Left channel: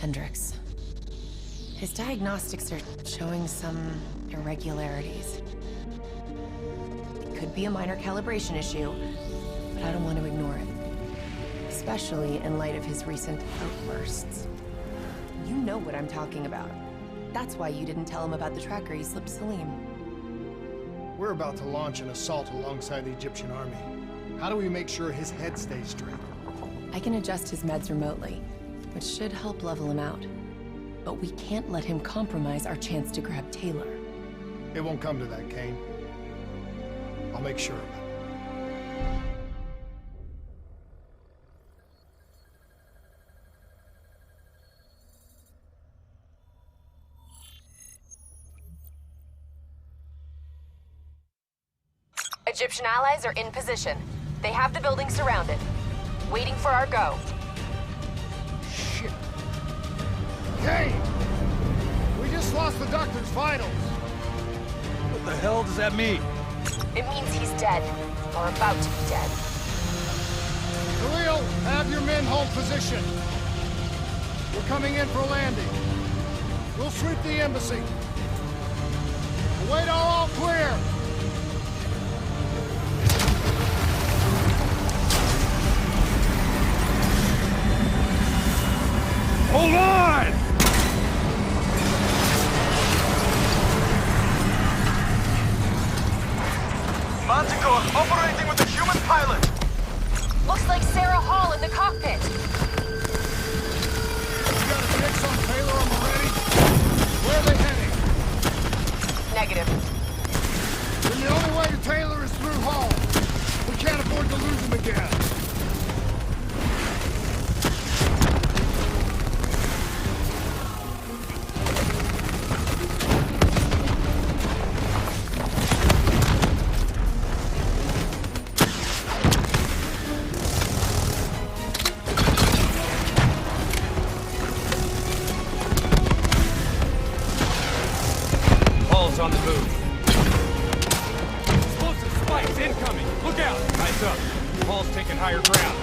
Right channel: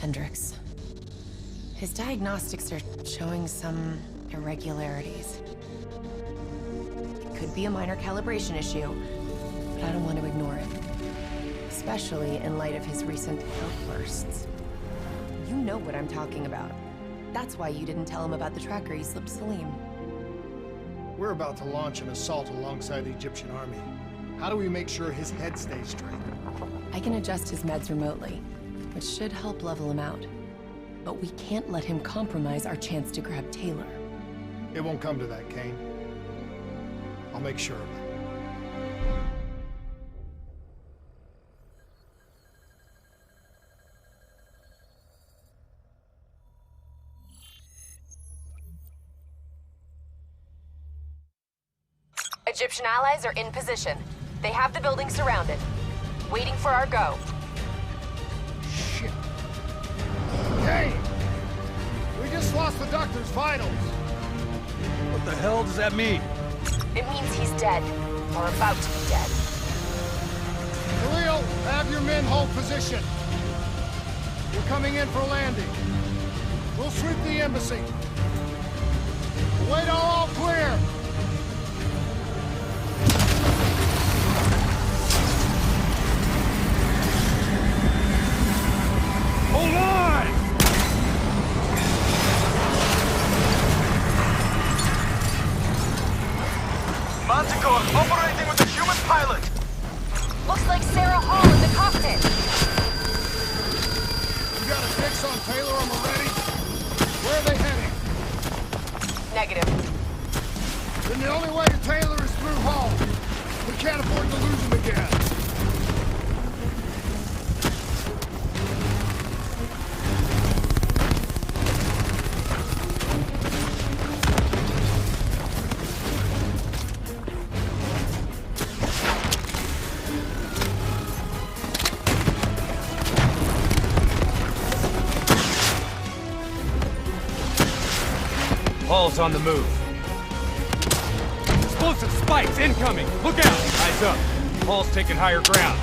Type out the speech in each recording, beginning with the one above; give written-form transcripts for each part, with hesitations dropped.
Hendricks. His diagnostics are showing some irregularities. It could be a minor calibration issue, but I don't want to ignore it. Especially in light of his recent outbursts. You know what I'm talking about. That's why you didn't tell him about the tracker he slipped Salim. We're about to launch an assault alongside the Egyptian army. How do we make sure his head stays straight? I can adjust his meds remotely, which should help level him out. But we can't let him compromise our chance to grab Taylor. It won't come to that, Kane. I'll make sure of it. Egyptian allies are in position. They have the building surrounded. Waiting for our go. Shit. Kane! We just lost the doctor's vitals. What the hell does that mean? It means he's dead. Or about to be dead. Khalil, have your men hold position. We're coming in for landing. We'll sweep the embassy. Await all clear. Hold on! Manticore operating with a human pilot! Looks like Sarah Hall in the cockpit. You got a fix on Taylor and Moretti? Where are they heading? Negative. Then the only way to Taylor is through Hall. We can't afford to lose him again. Hall's on the move. Explosive spikes incoming! Look out! Eyes up. Hall's taking higher ground.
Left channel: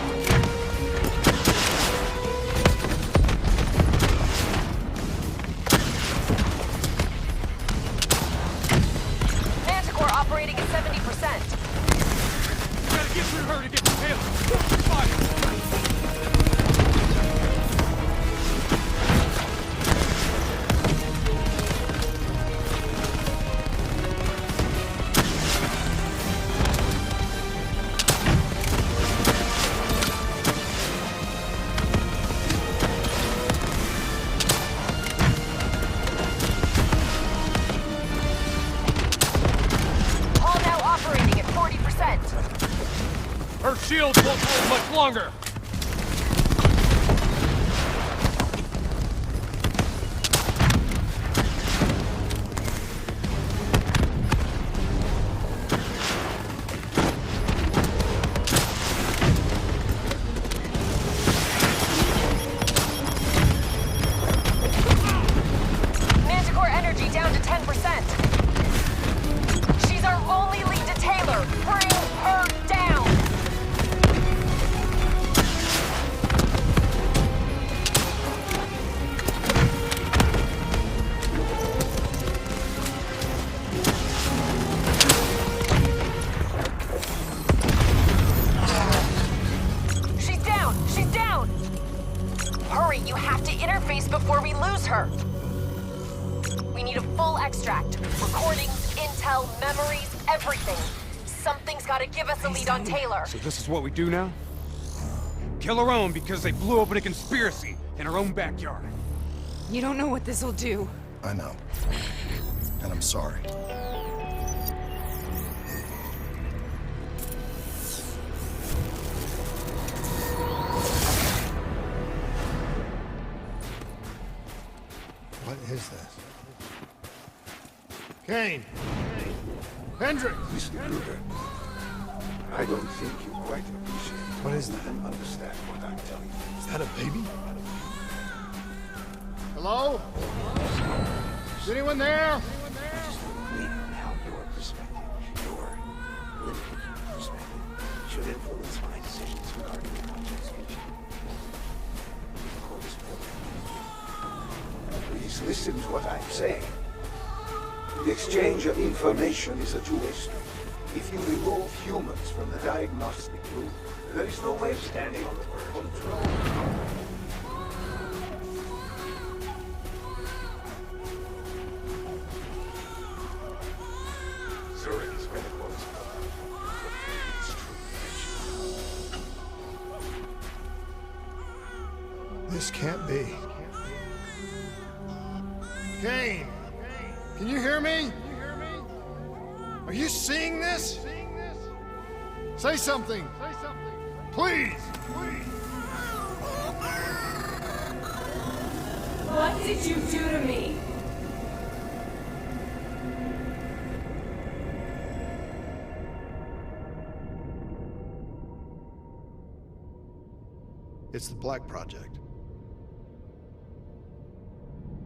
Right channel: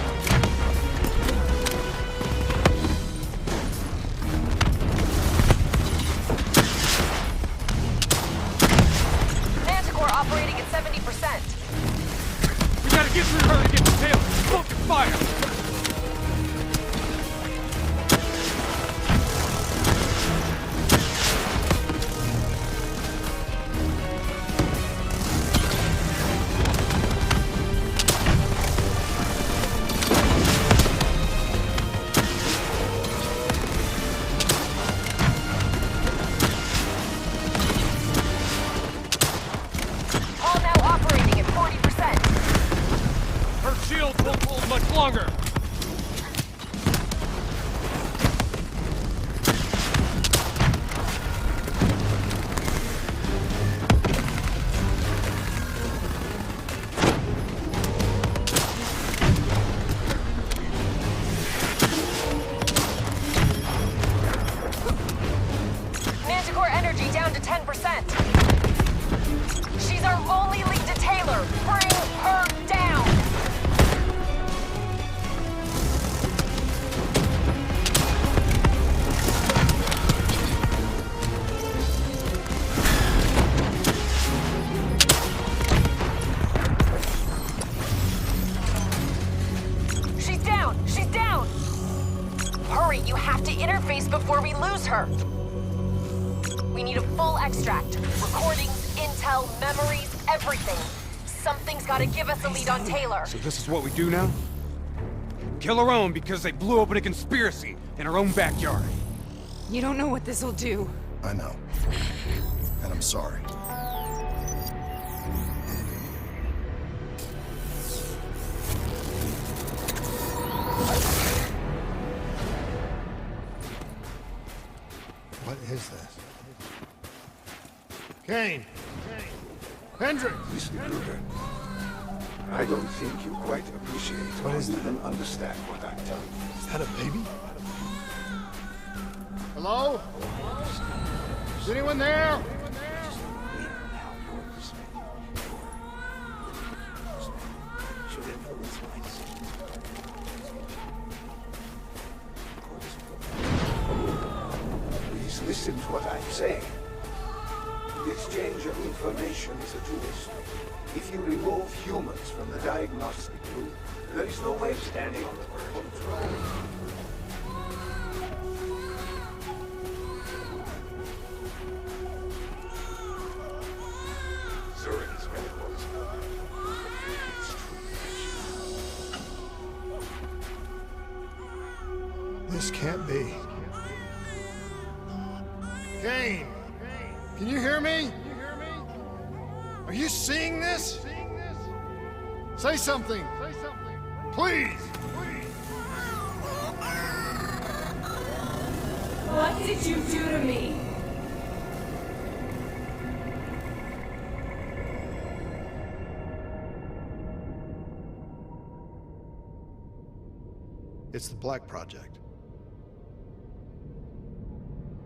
Manticore operating at 70%. We gotta get through her to get to Taylor. Focus fire! Hall now operating at 40%. Her shields won't hold much longer! Manticore energy down to 10%. She's our only lead to Taylor. Bring her down. She's down. She's down. Hurry, you have to interface before we lose her. We need a full extract. Recordings, intel, memories, everything. Something's gotta give us a lead on Taylor. So this is what we do now? Kill her own because they blew open a conspiracy in her own backyard. You don't know what this'll do. I know. And I'm sorry. What is this? Kane! Hendricks! Mr. Kruger, I don't think you quite appreciate What is or that? even understand what I'm telling you. Is that a baby? Hello? Is anyone there? Just read how your perspective, your limited perspective, should influence my decisions regarding the project's future. Of course, listen to what I'm saying. The exchange of information is a two-way street. If you remove humans from the diagnostic loop, there is no way of standing on the verge of control. Zurich's medical is its true nature. This can't be. Kane! Can you hear me? Are you seeing this? Say something! Please! What did you do to me? It's the Black Project.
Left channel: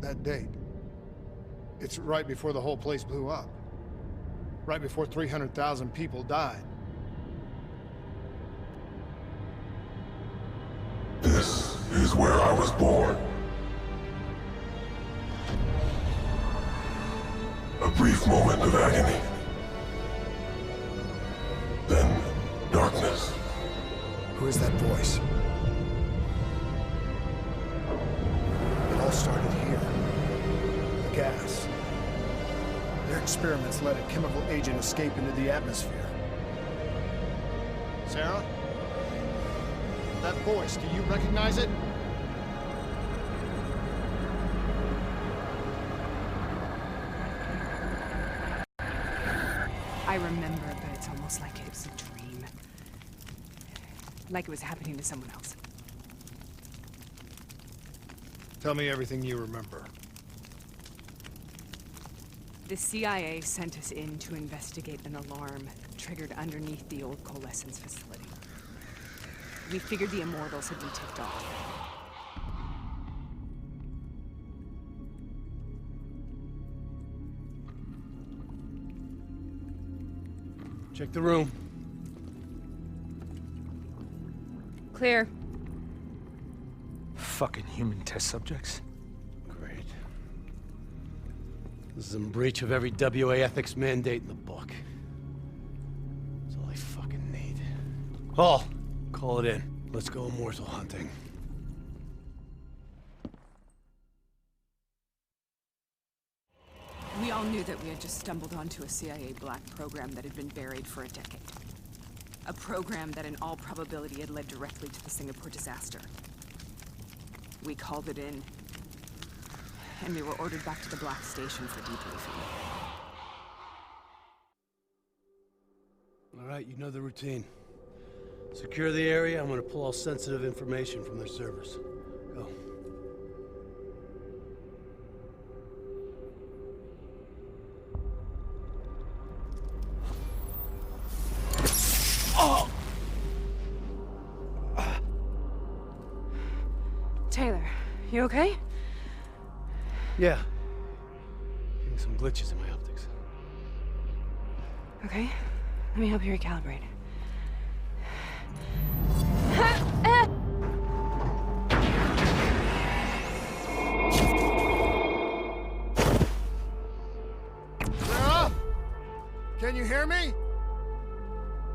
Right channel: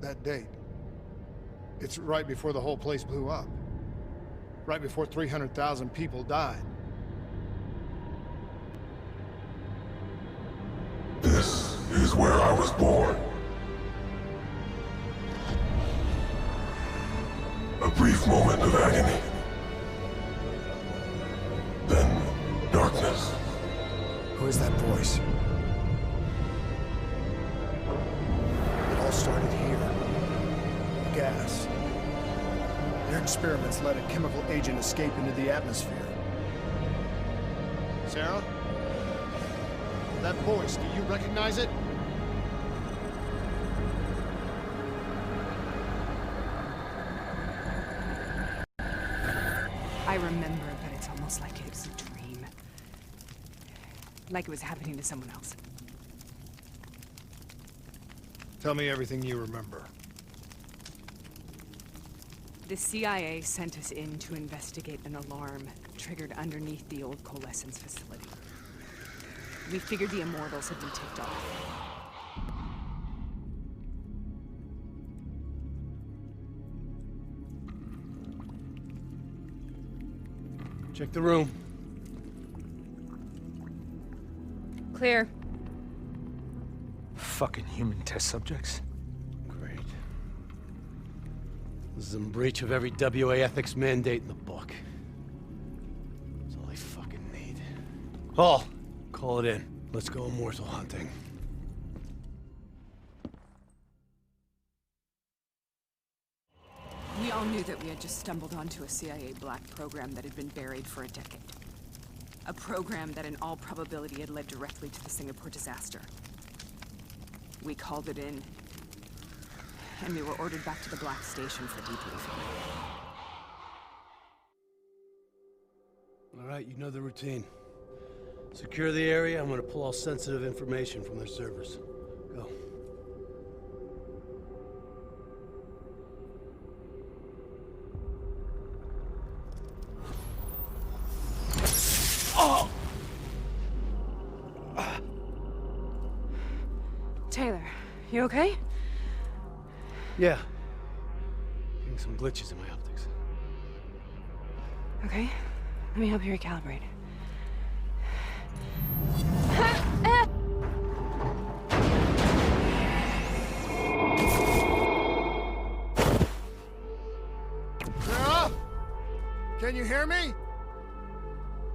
That date. It's right before the whole place blew up. Right before 300,000 people died. This is where I was born. A brief moment of agony. Then, darkness. Who is that voice? It all started here. The gas. Their experiments let a chemical agent escape into the atmosphere. Sarah? That voice, do you recognize it? I remember, but it's almost like it was a dream. Like it was happening to someone else. Tell me everything you remember. The CIA sent us in to investigate an alarm triggered underneath the old Coalescence facility. We figured the Immortals had been tipped off. Check the room. Clear. Fucking human test subjects. Great. This is in breach of every WA ethics mandate in the book. That's all I fucking need. Paul, call it in. Let's go immortal hunting. We all knew that we had just stumbled onto a CIA black program that had been buried for a decade. A program that in all probability had led directly to the Singapore disaster. We called it in, and we were ordered back to the Black Station for debriefing. All right, you know the routine. Secure the area. I'm gonna pull all sensitive information from their servers. Go. Taylor, you okay? Yeah. Getting some glitches in my optics. Okay, let me help you recalibrate. Sarah? Can you hear me?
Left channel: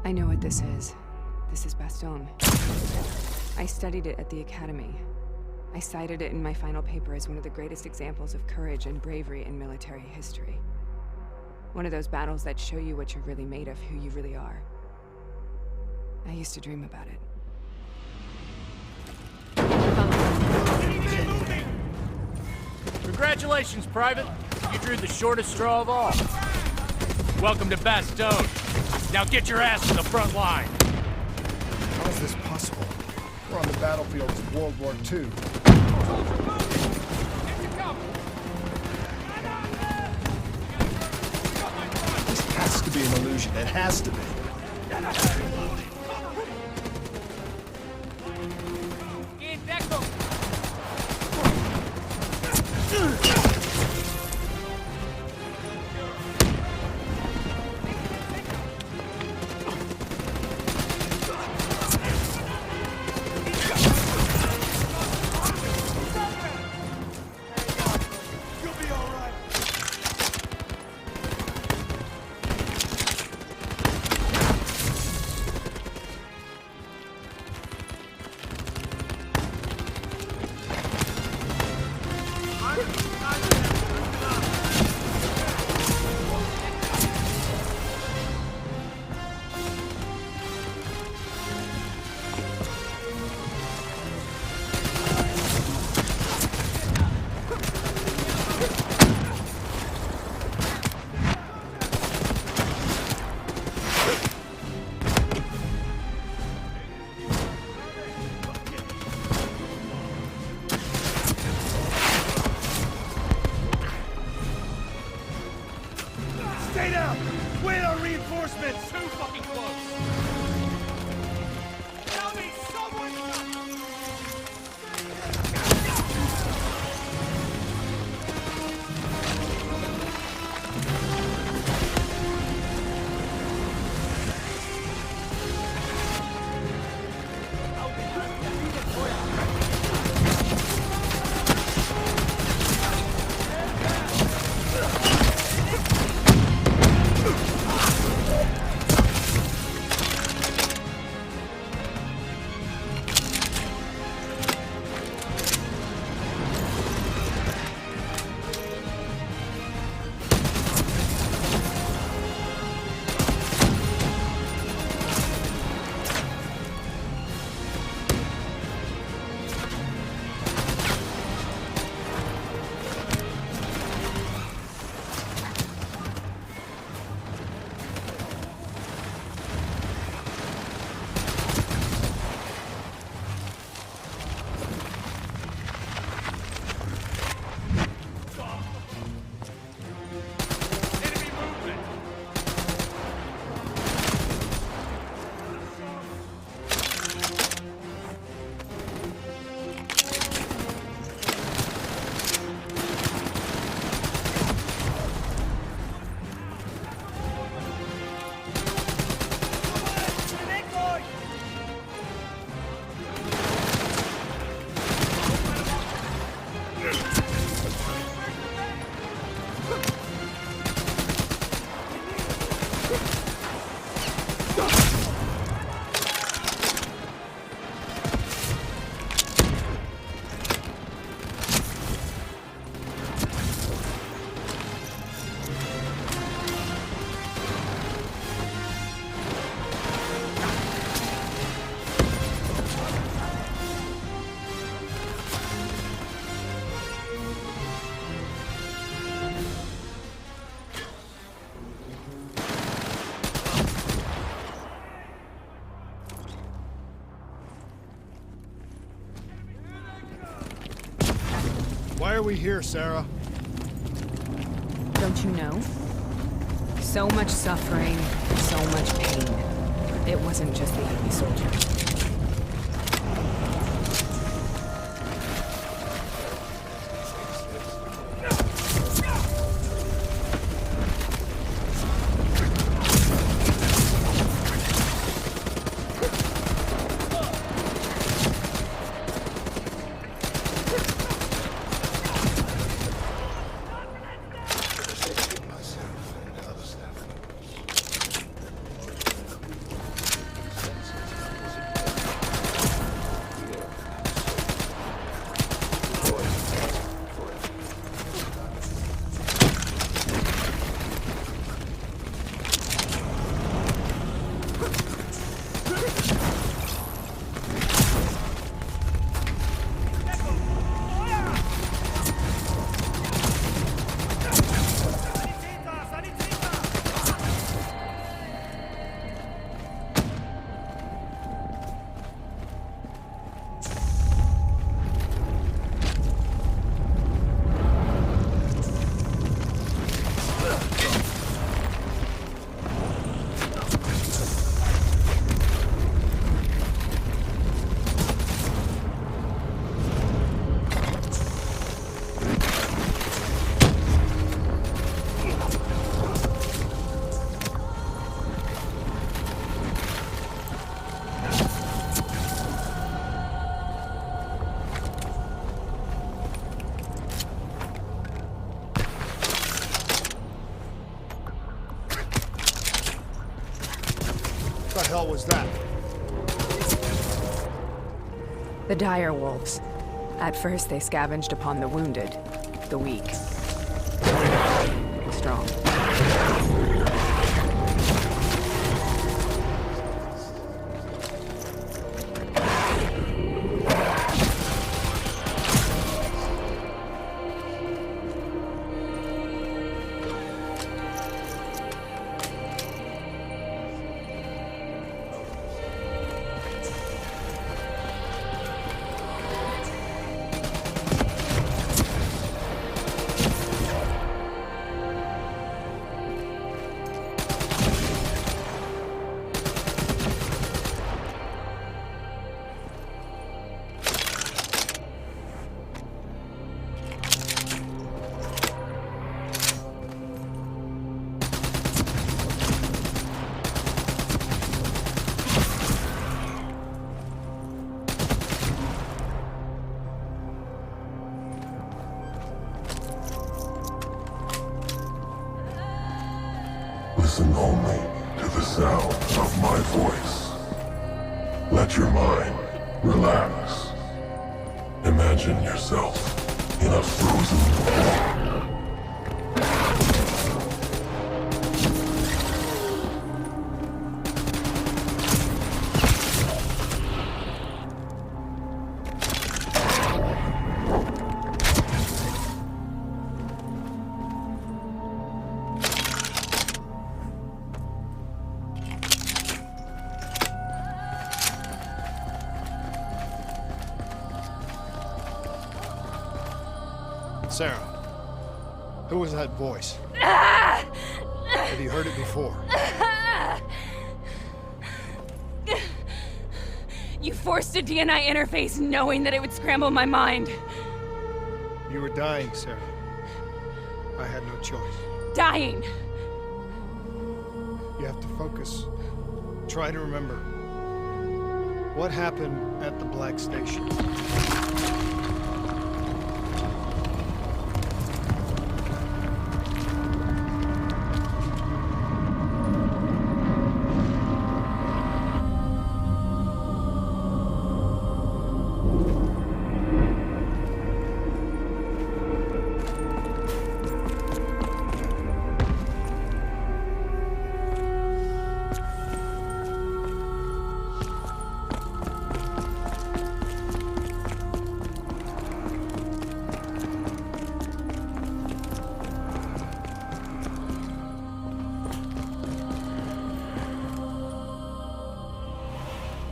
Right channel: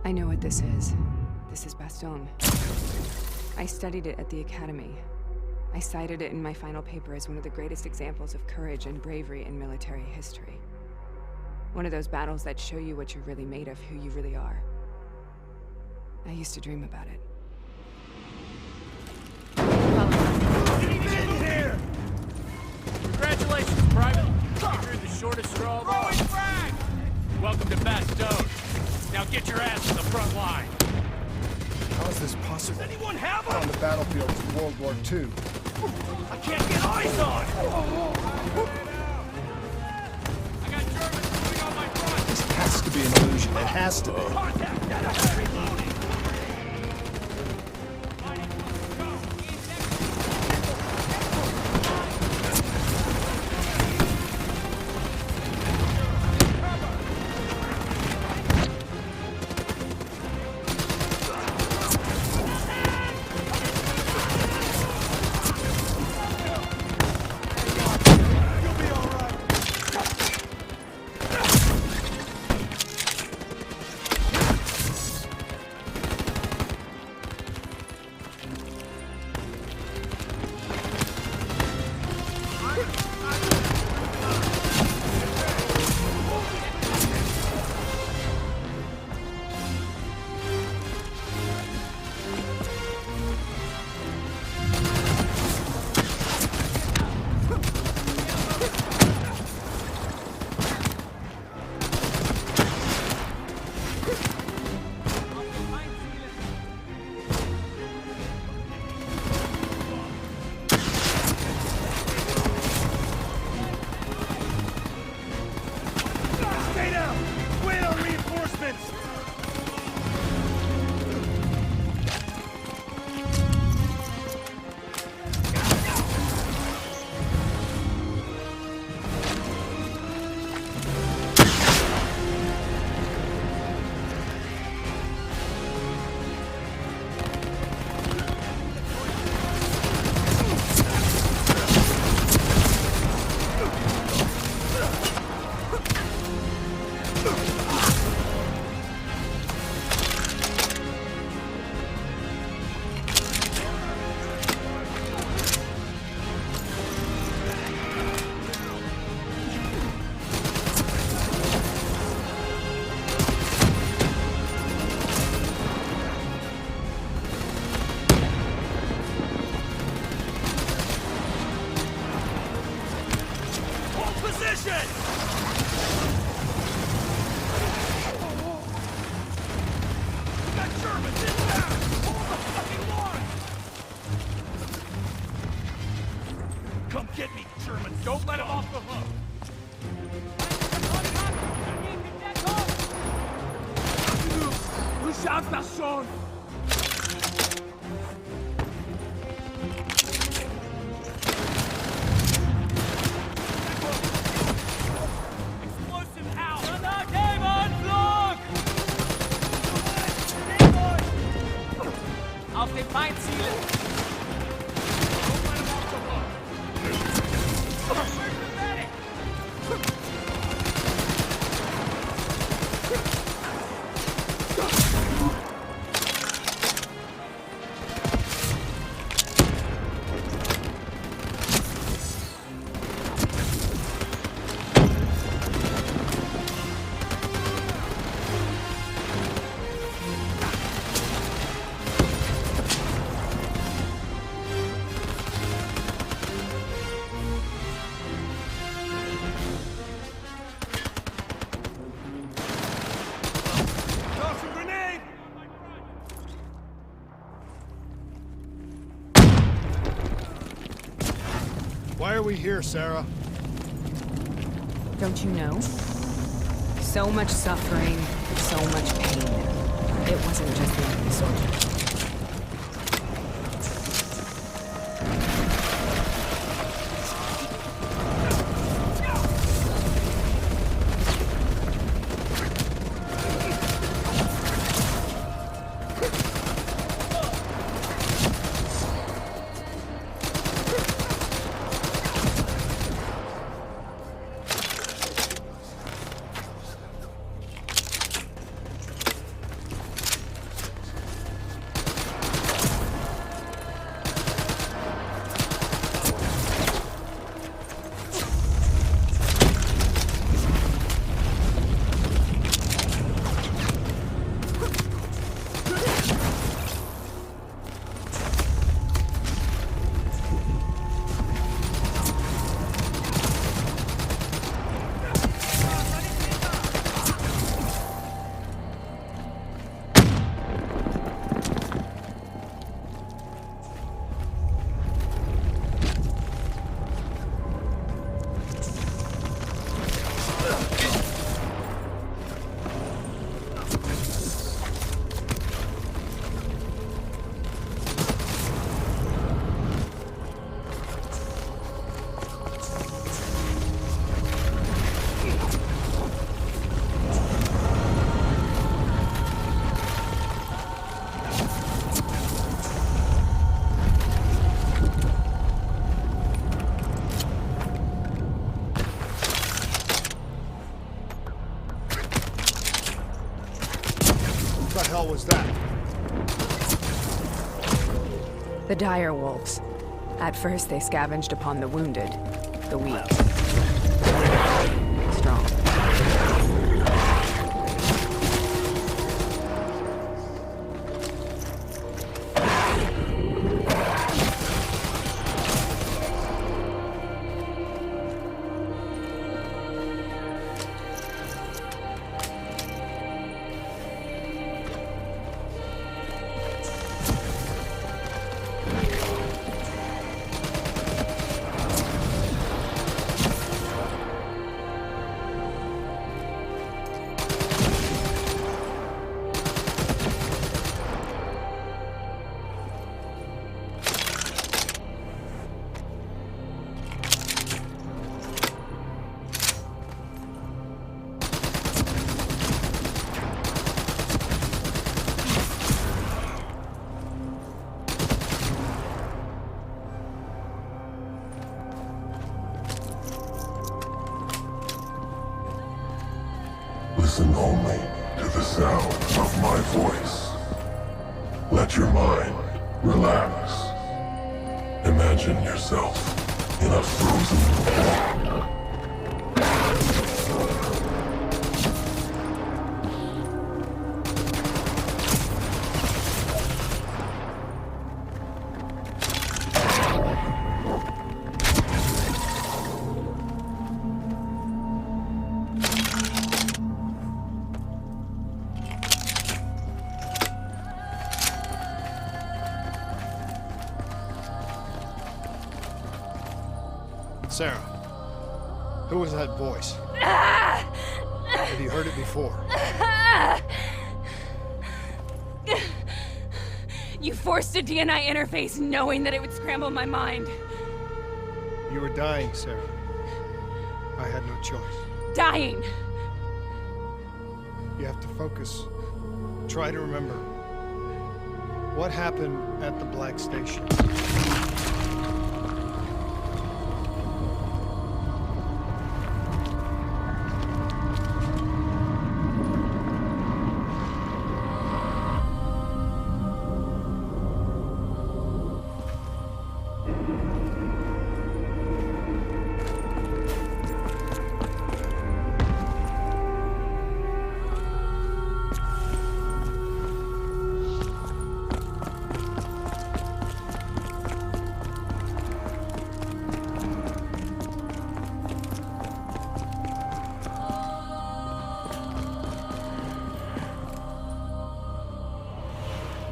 I know what this is. This is Bastion. I studied it at the Academy. I cited it in my final paper as one of the greatest examples of courage and bravery in military history. One of those battles that show you what you're really made of, who you really are. I used to dream about it. Congratulations, Private. You drew the shortest straw of all. Welcome to Bastion. Now get your ass to the front line. How is this possible? We're on the battlefields of World War II. This has to be an illusion. It has to be. Stay down! Wait on reinforcements! Why are we here, Sarah? Don't you know? So much suffering, so much pain. It wasn't just the enemy soldiers. What the hell was that? The dire wolves. At first, they scavenged upon the wounded, the weak. Strong. Listen only to the sound of my voice. Let your mind relax. Imagine yourself in a frozen world. Sarah, who was that voice? Have you heard it before? You forced a DNI interface knowing that it would scramble my mind. You were dying, Sarah. I had no choice. Dying! You have to focus. Try to remember. What happened at the Black Station?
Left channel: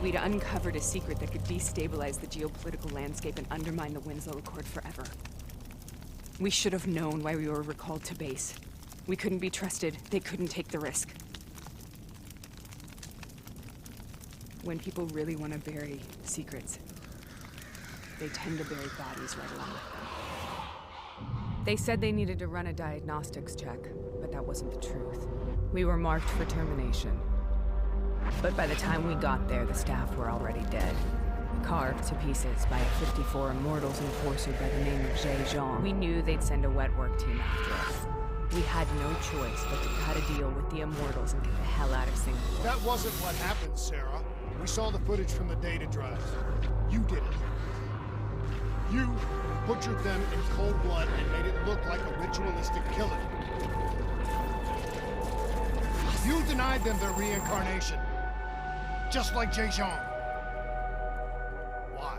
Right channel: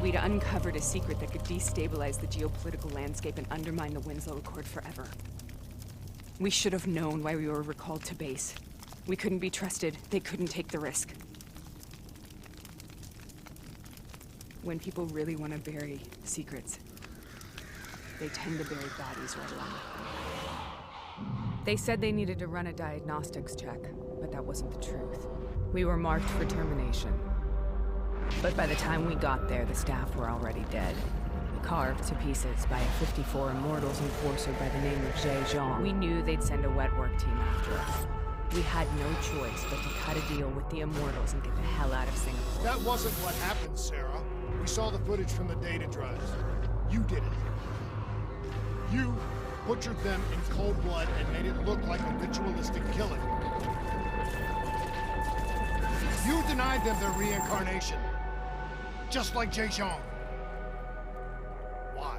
We'd uncovered a secret that could destabilize the geopolitical landscape and undermine the Winslow Accord forever. We should have known why we were recalled to base. We couldn't be trusted. They couldn't take the risk. When people really want to bury secrets, they tend to bury bodies right along with them. They said they needed to run a diagnostics check, but that wasn't the truth. We were marked for termination. But by the time we got there, the staff were already dead. Carved to pieces by a 54 Immortals enforcer by the name of Jay Zhang. We knew they'd send a wet work team after us. We had no choice but to cut a deal with the Immortals and get the hell out of Singapore. That wasn't what happened, Sarah. We saw the footage from the data drives. You did it. You butchered them in cold blood and made it look like a ritualistic killing. You denied them their reincarnation. Just like Jay Zhang. Why?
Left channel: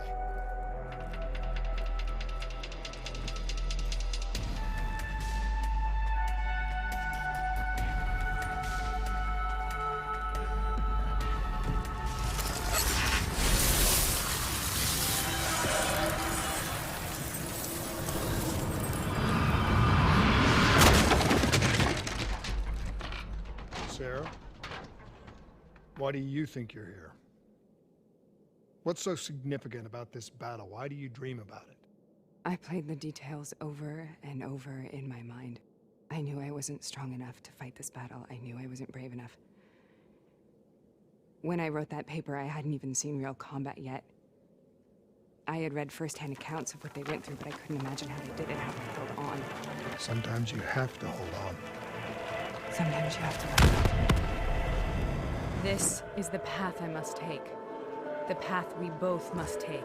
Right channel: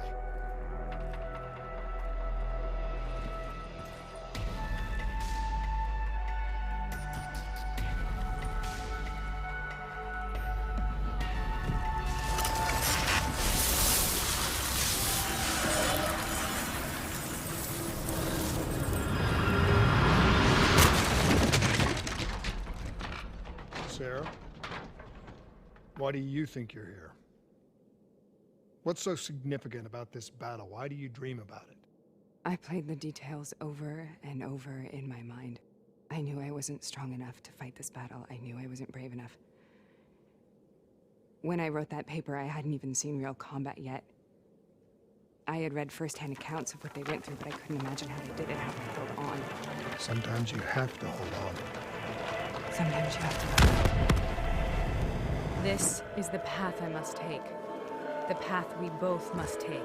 Sarah? Why do you think you're here? What's so significant about this battle? Why do you dream about it? I played the details over and over in my mind. I knew I wasn't strong enough to fight this battle. I knew I wasn't brave enough. When I wrote that paper, I hadn't even seen real combat yet. I had read first-hand accounts of what they went through, but I couldn't imagine how they did it, how they held on. Sometimes you have to hold on. Sometimes you have to let go. This is the path I must take. The path we both must take.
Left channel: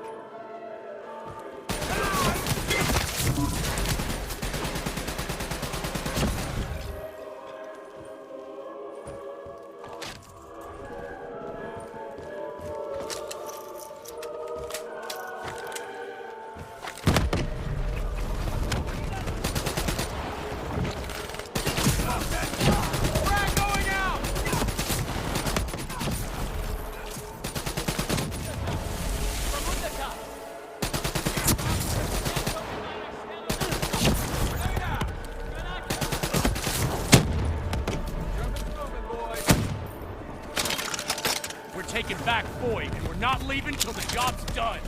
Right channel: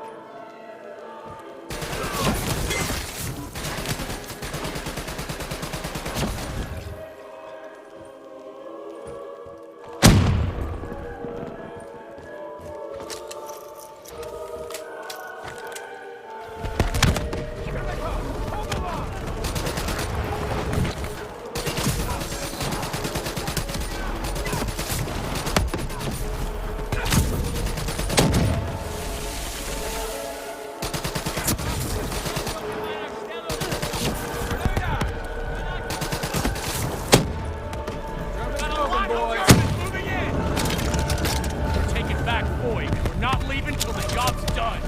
Back Void, and we're not leaving till the job's done.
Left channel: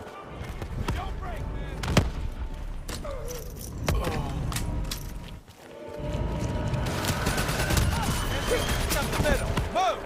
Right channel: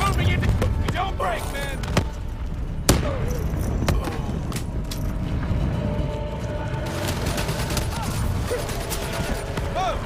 Moving in. Don't break, man. Move.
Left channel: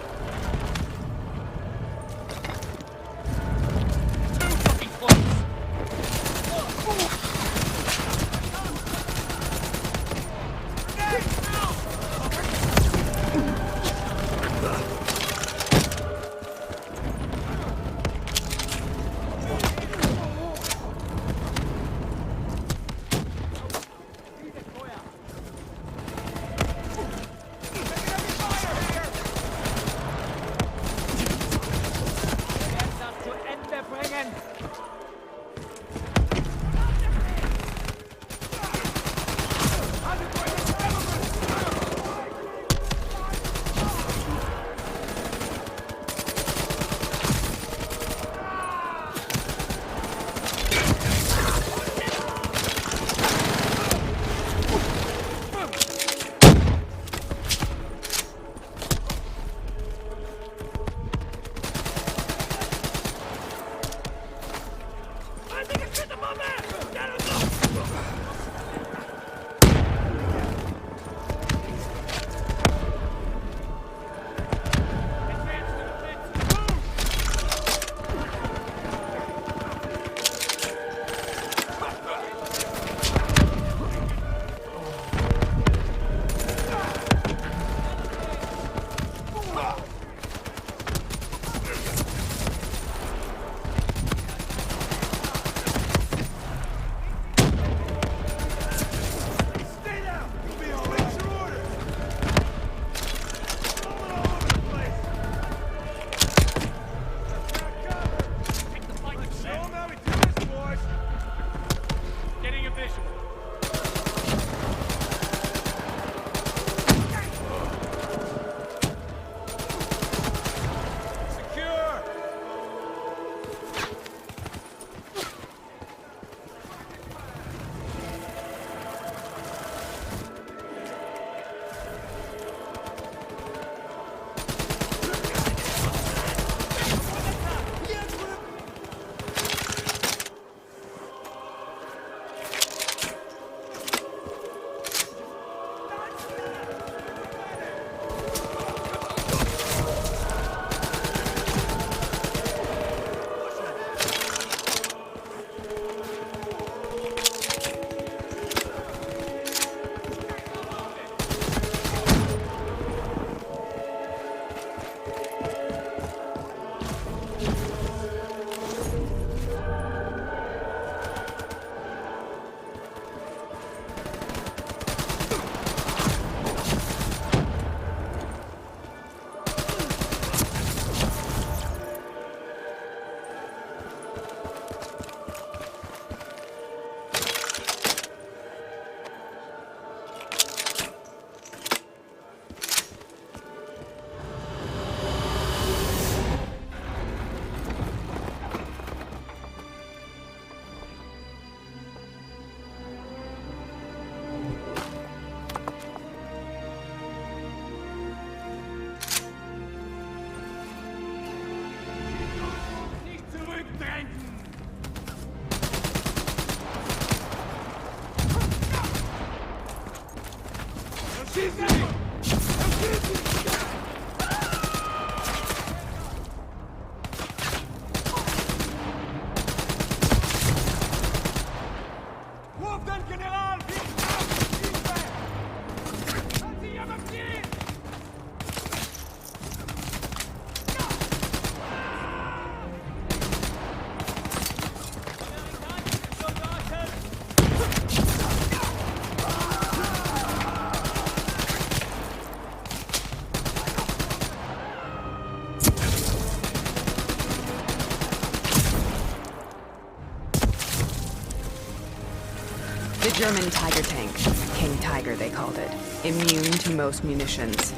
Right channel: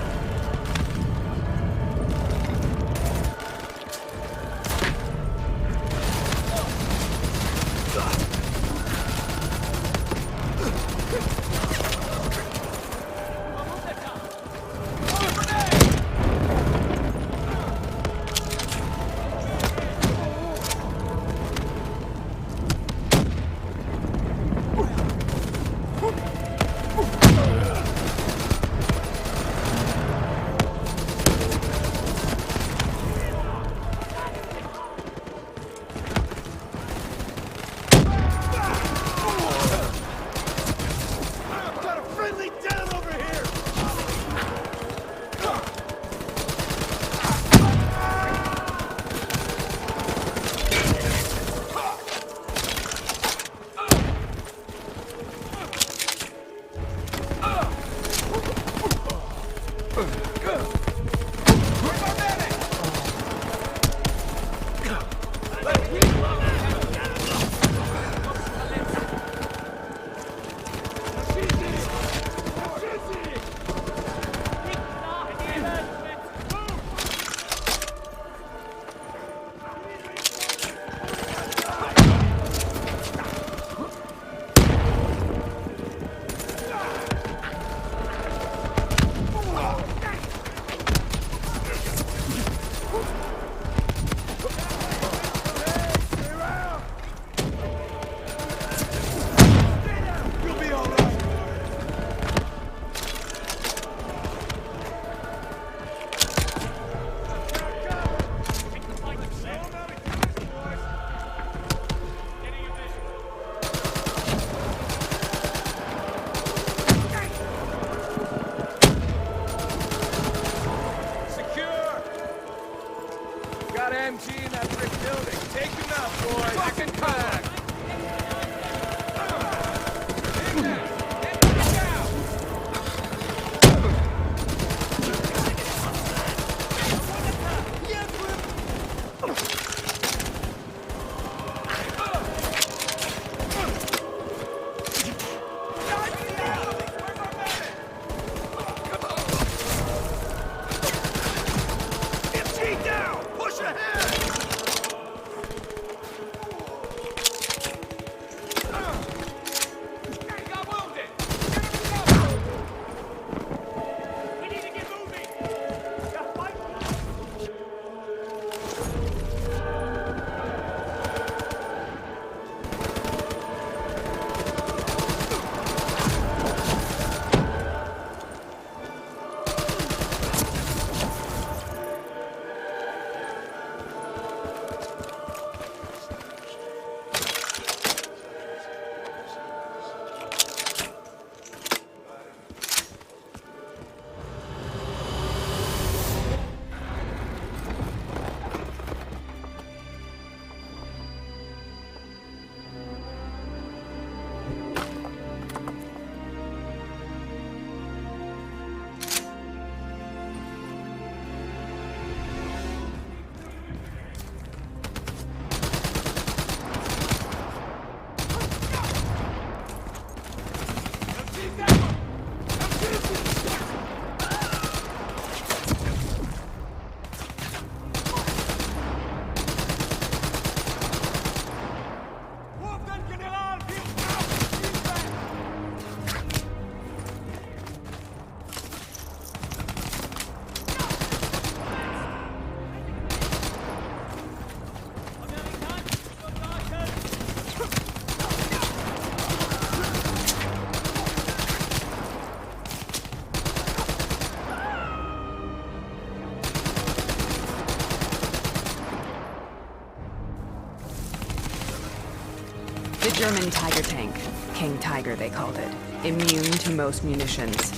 The German Tiger tank. King Tiger, they called it. Immune to most munitions.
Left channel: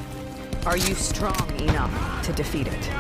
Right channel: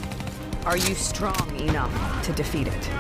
Are you strong enough to defeat it?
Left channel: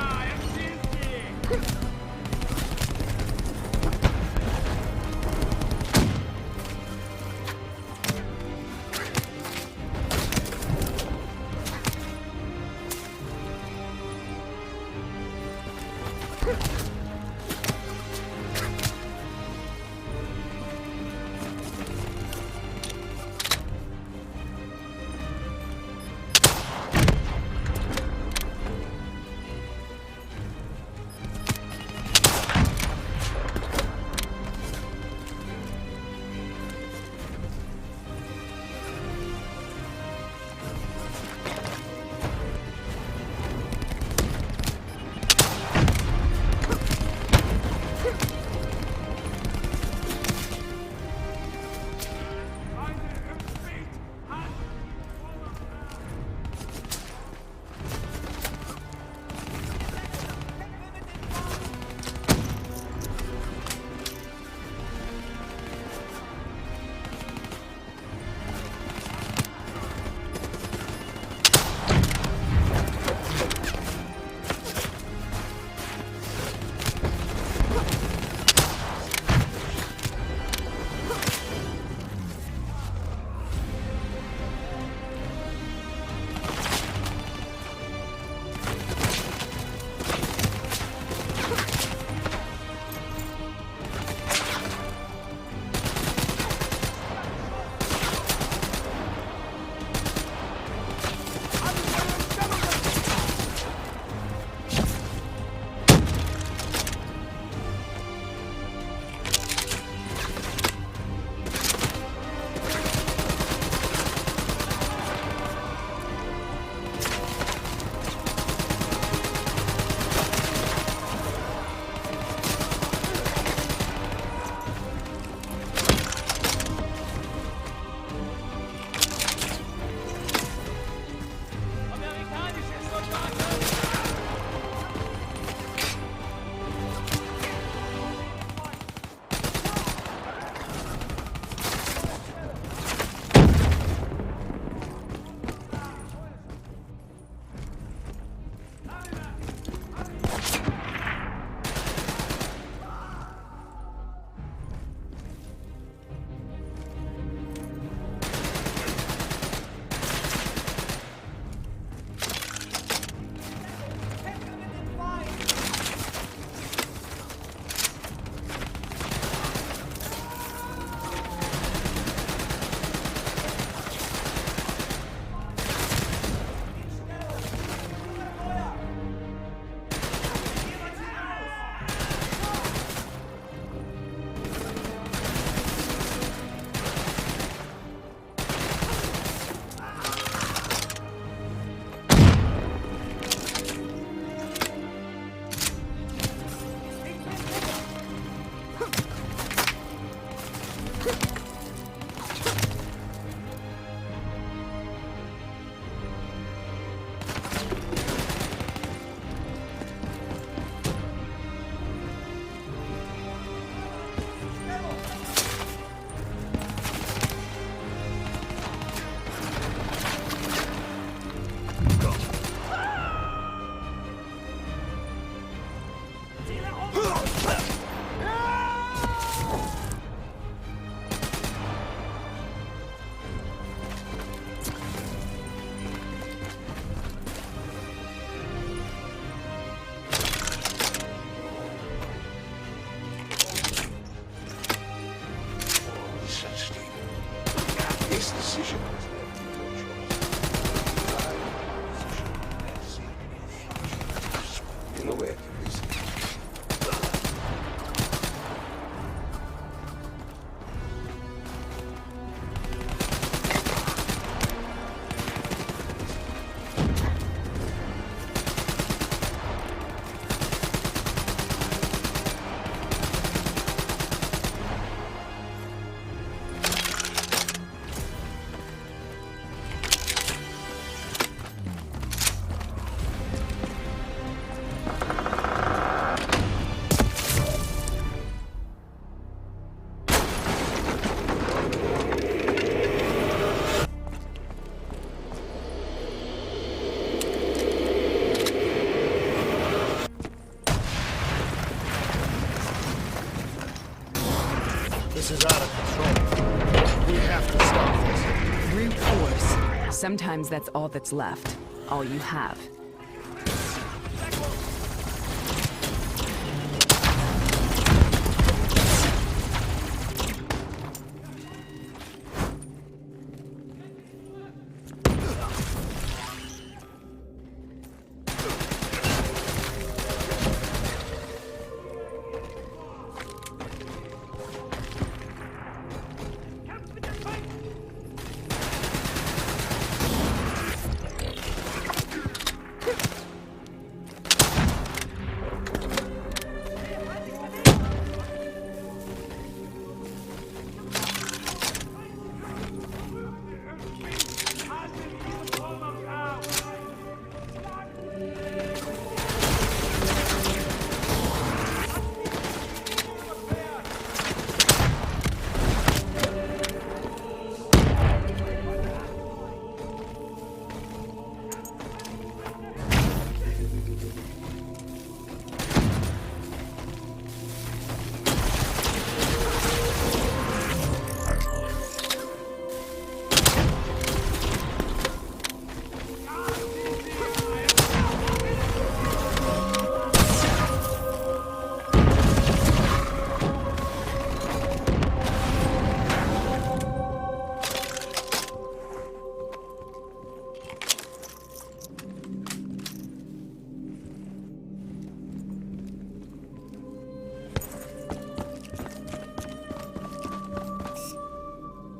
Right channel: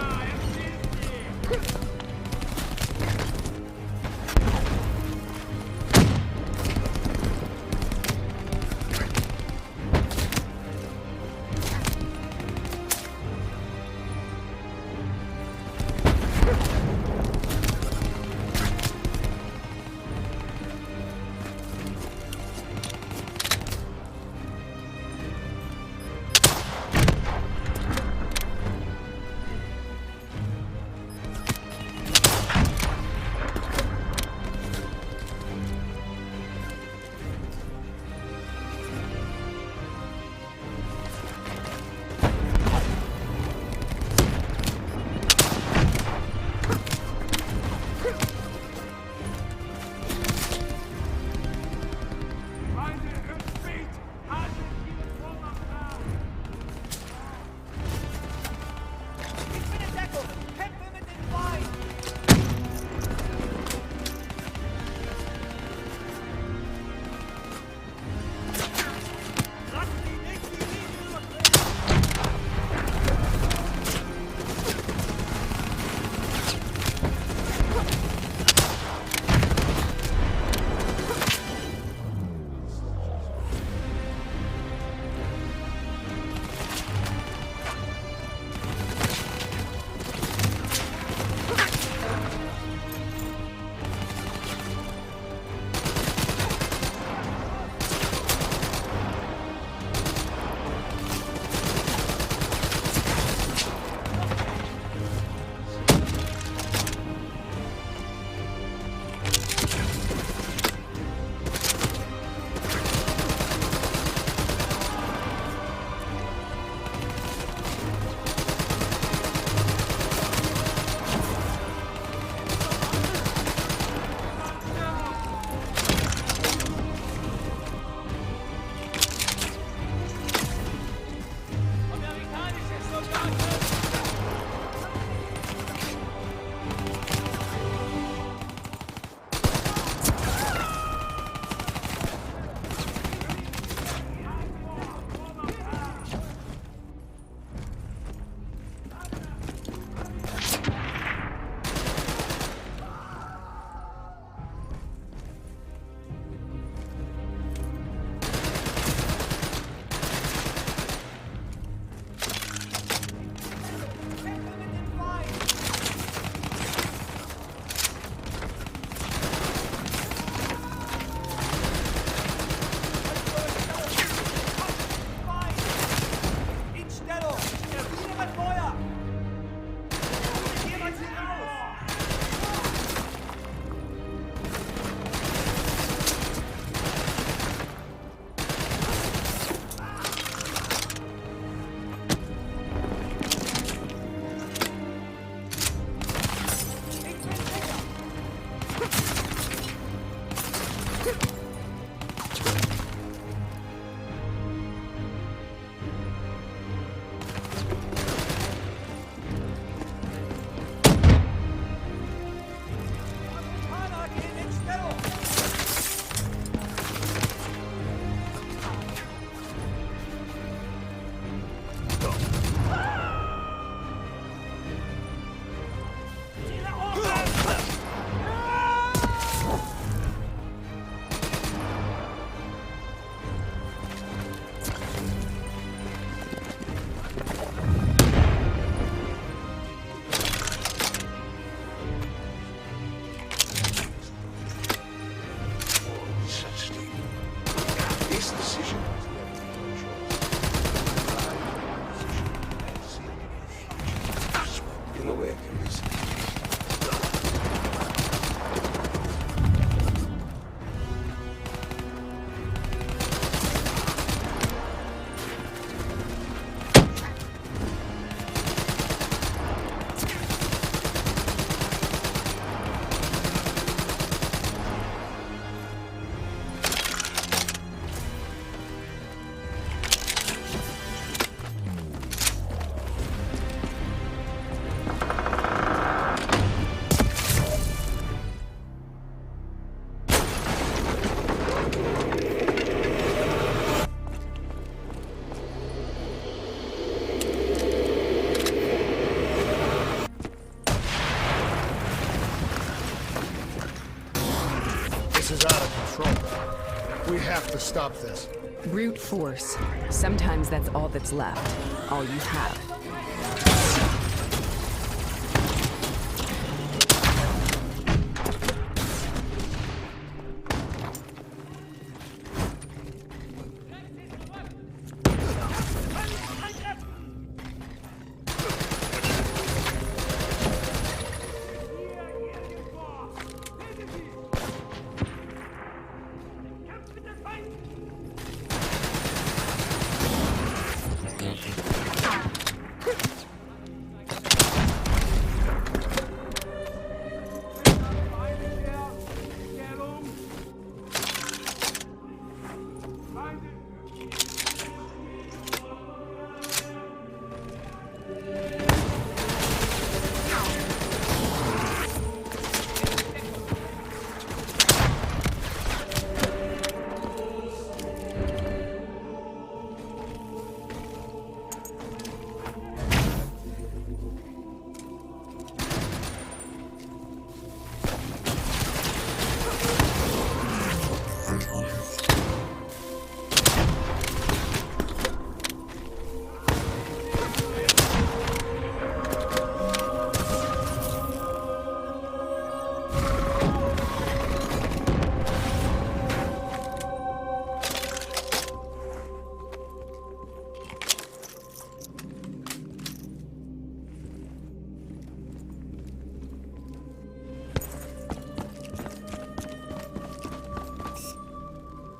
This is out of control. We have to stop this. Brute force. Sometimes that's all that's left. All you have.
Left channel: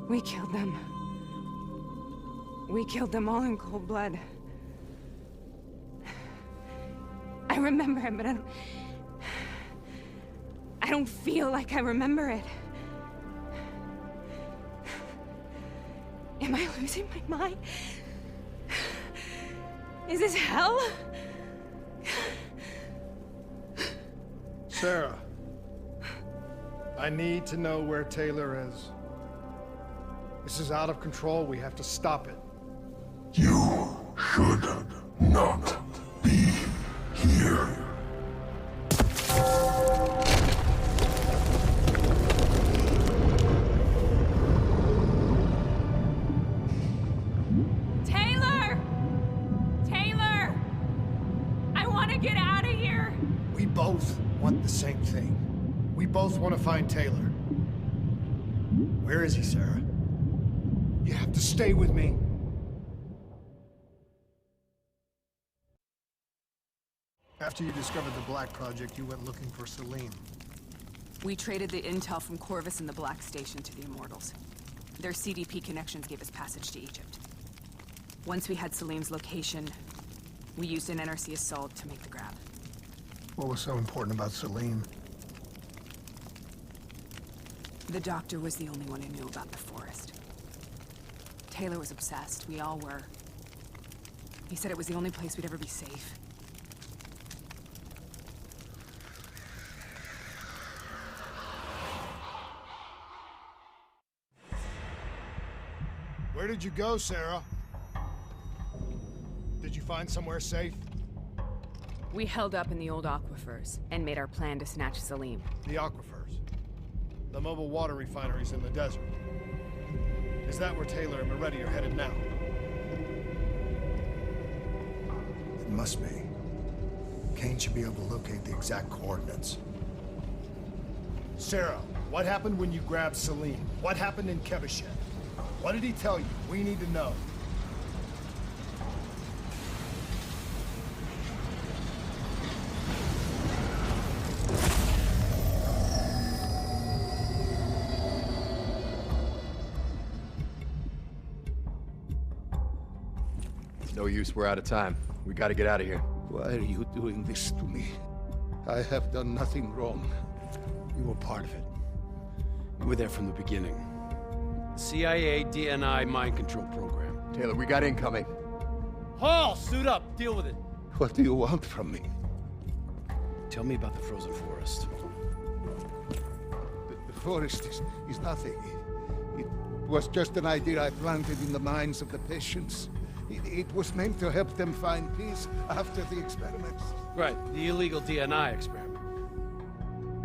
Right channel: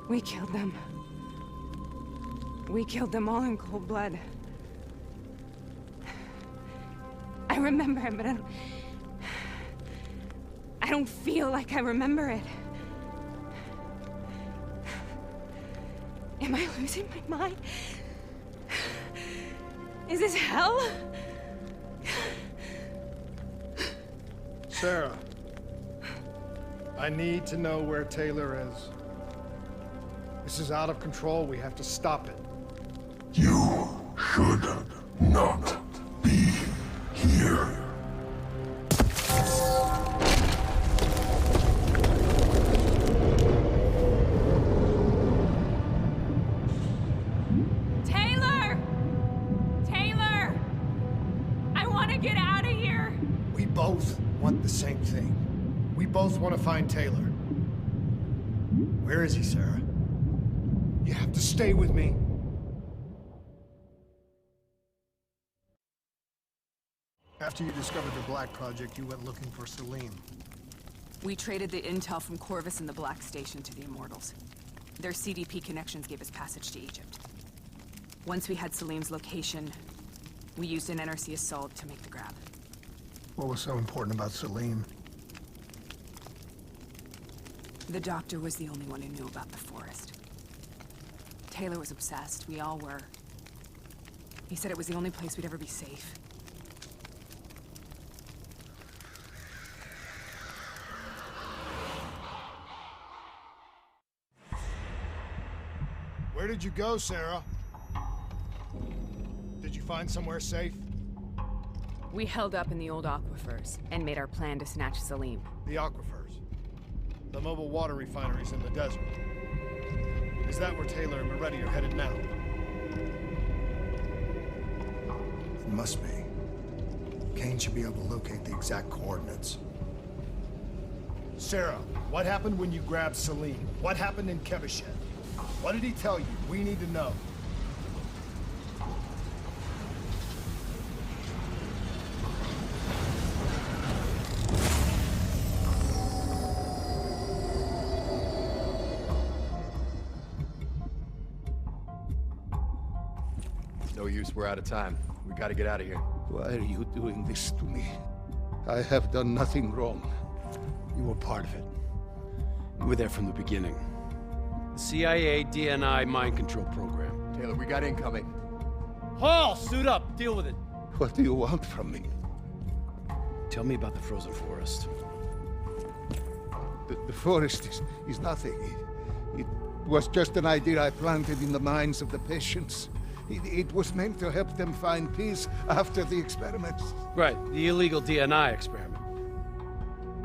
We killed them. We killed them all in cold blood. I remember it, but I don't feel like I remember it. Am I losing my mind? Is this hell? Sarah, I need to know where Taylor is. This is out of control. We have to stop it. You should not be here. Taylor! Taylor! I want to get out of here! We both want the same thing. We both want to find Taylor. Where is he, Sarah? You have to stay with me. After you discovered the Black Project, you went looking for Salim. We traded the intel from Corvus and the Black Station to the Immortals. Their CDP connections gave us passage to Egypt. Once we had Salim's location, we used an NRC assault to make the grab. What was so important about Salim? The doctor was the only one who knew about the forest. Taylor was obsessed. We all were. He said it was the only place we'd ever be safe. Where did you go, Sarah? Did you find somewhere safe? We held up in the old aquifers and made our plan to snatch Salim. The aquifers. The mobile water refineries in the desert. Is that where Taylor and Moretti are headed now? It must be. Kane should be able to locate the exact coordinates. Sarah, what happened when you grabbed Salim? What happened in Kebashet? What did he tell you? We need to know. No use, we're out of time. We gotta get out of here. Why are you doing this to me? I have done nothing wrong. You were part of it. You were there from the beginning. The CIA, DNI, mind control program. Taylor, we got incoming. Hall, suit up. Deal with it. What do you want from me? Tell me about the frozen forest. The forest is nothing. It was just an idea I planted in the minds of the patients. It was meant to help them find peace after the experiments. Right, the illegal DNI experiment.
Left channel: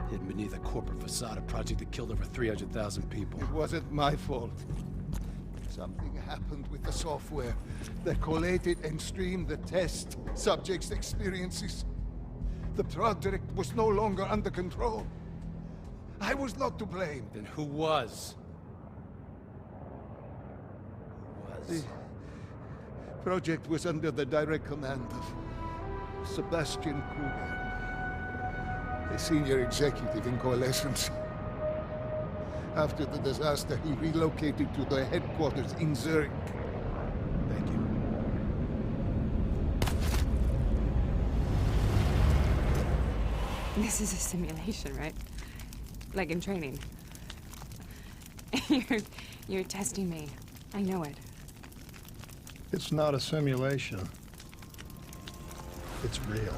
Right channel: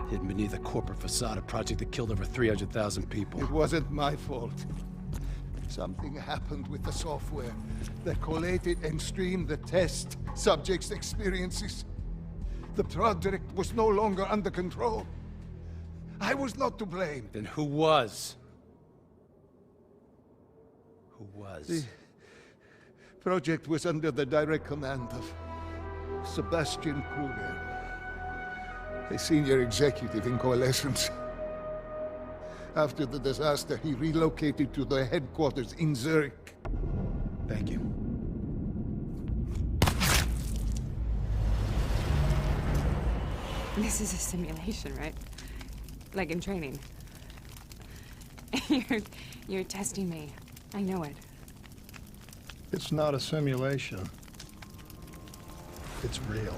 hidden beneath a corporate facade, a project that killed over 300,000 people. It wasn't my fault. Something happened with the software that collated and streamed the test subjects' experiences. The project was no longer under control. I was not to blame. Then who was? Who was? The project was under the direct command of Sebastian Kruger, a senior executive in Coalescence. After the disaster, he relocated to their headquarters in Zurich. Thank you. This is a simulation, right? Like in training. You're testing me. I know it. It's not a simulation. It's real.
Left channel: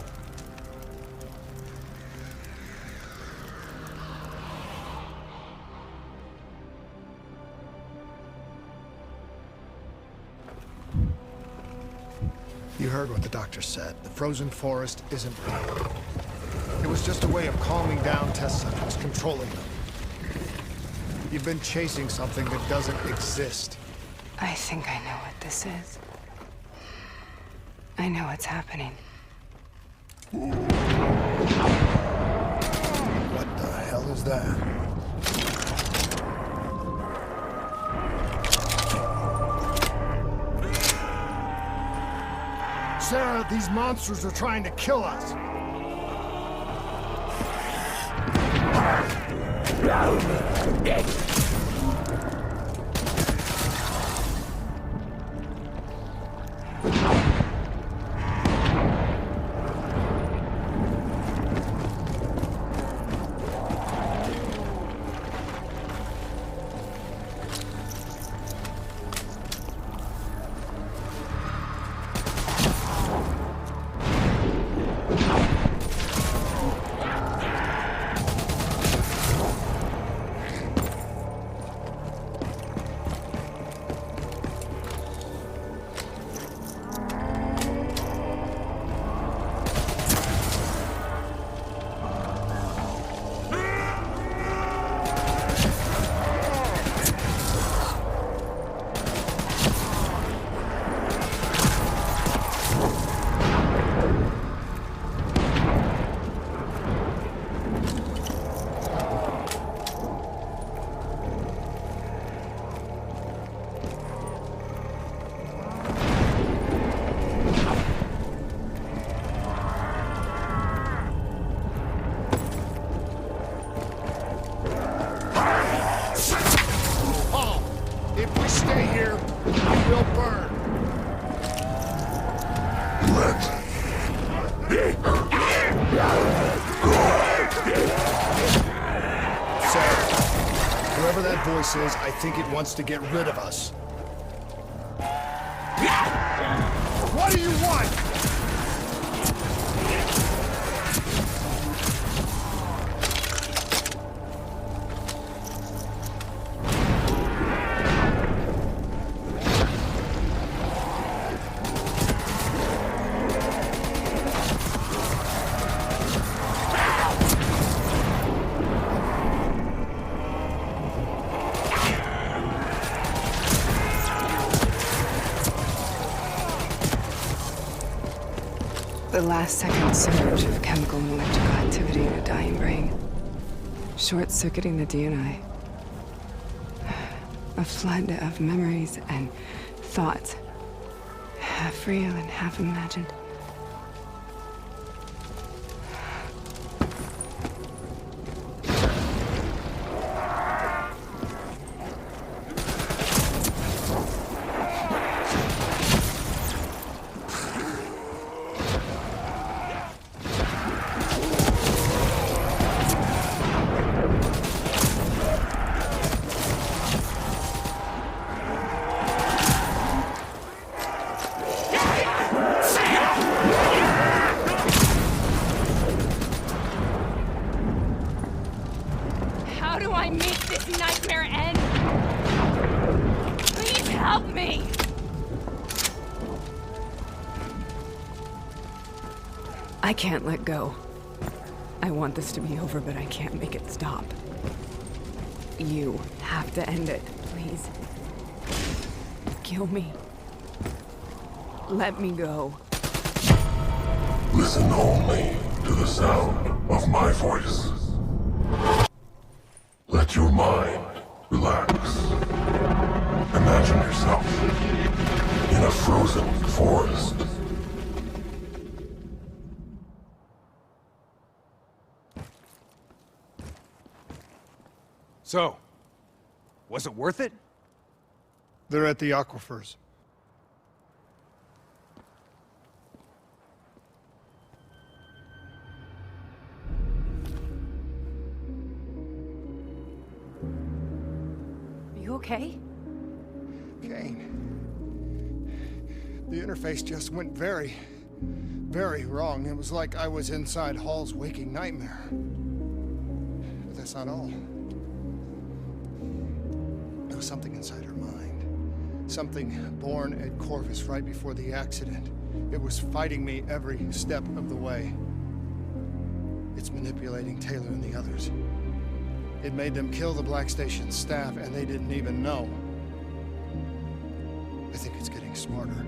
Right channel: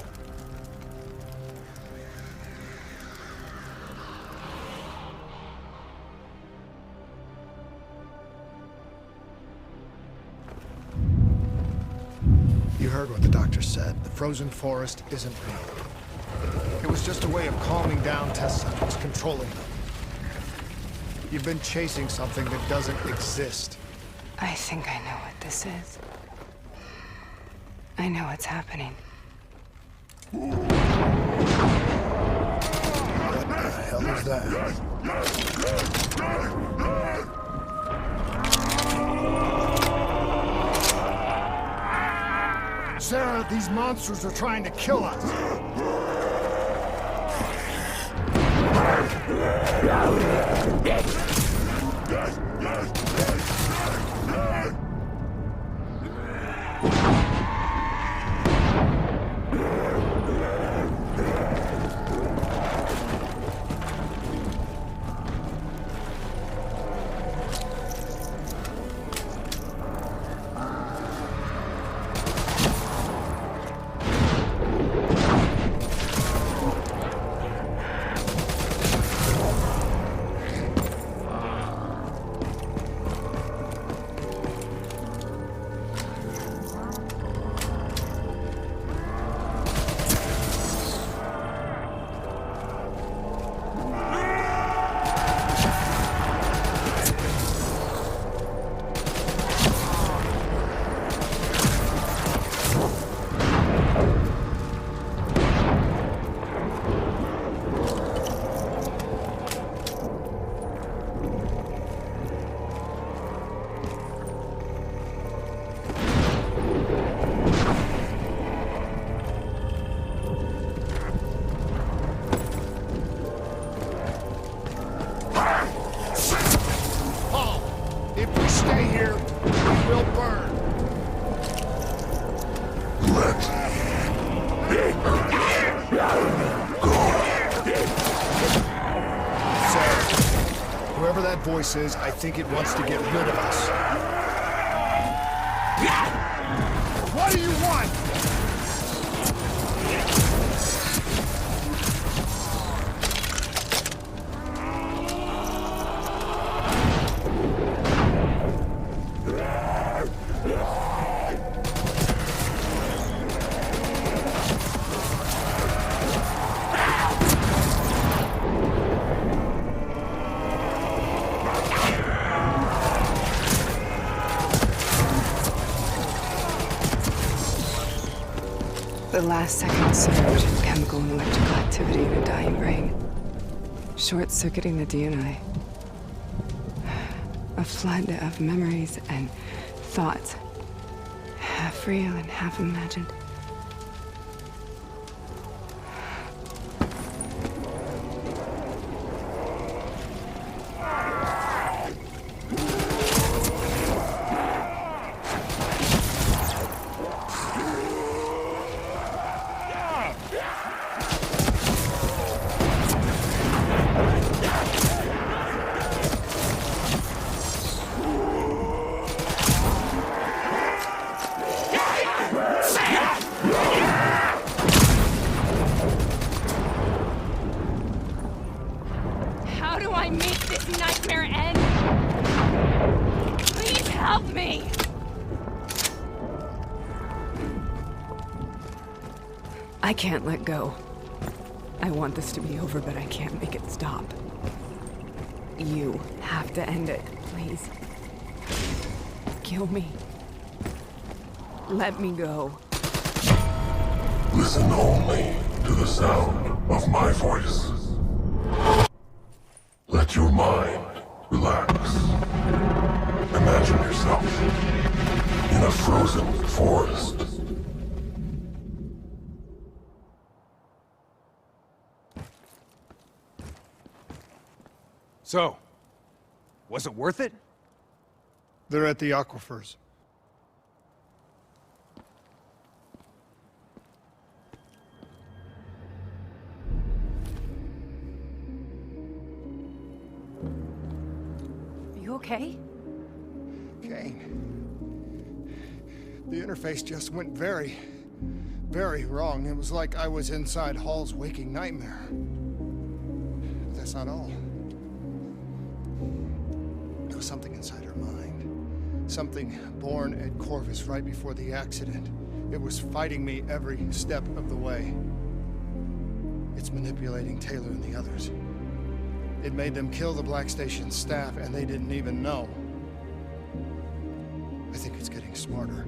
You heard what the doctor said. The frozen forest isn't real. It was just a way of calming down test subjects, controlling them. You've been chasing something that doesn't exist. I think I know what this is. I know what's happening. What the hell is that? Sarah, these monsters are trying to kill us. If we stay here, we will burn. Let it go. Sarah, whoever that voice is, I think it wants to get rid of us. What do you want? The last second surge of chemical and electrical activity in a dying brain. Short-circuiting the DNI. A flood of memories and thoughts. Half real and half imagined. How do I make this nightmare end? Please help me! I can't let go. I want this to be over, but I can't make it stop. You have to end it, please. Kill me. Let me go. Listen only to the sound of my voice. Let your mind relax. Imagine yourself in a frozen forest. So, was it worth it? They're at the aquifers. Are you okay? Kane. The interface just went very, very wrong. It was like I was inside Hall's waking nightmare. But that's not all. There was something inside her mind. Something born at Corvus right before the accident. It was fighting me every step of the way. It's manipulating Taylor and the others. It made them kill the Black Station staff, and they didn't even know. I think it's getting smarter.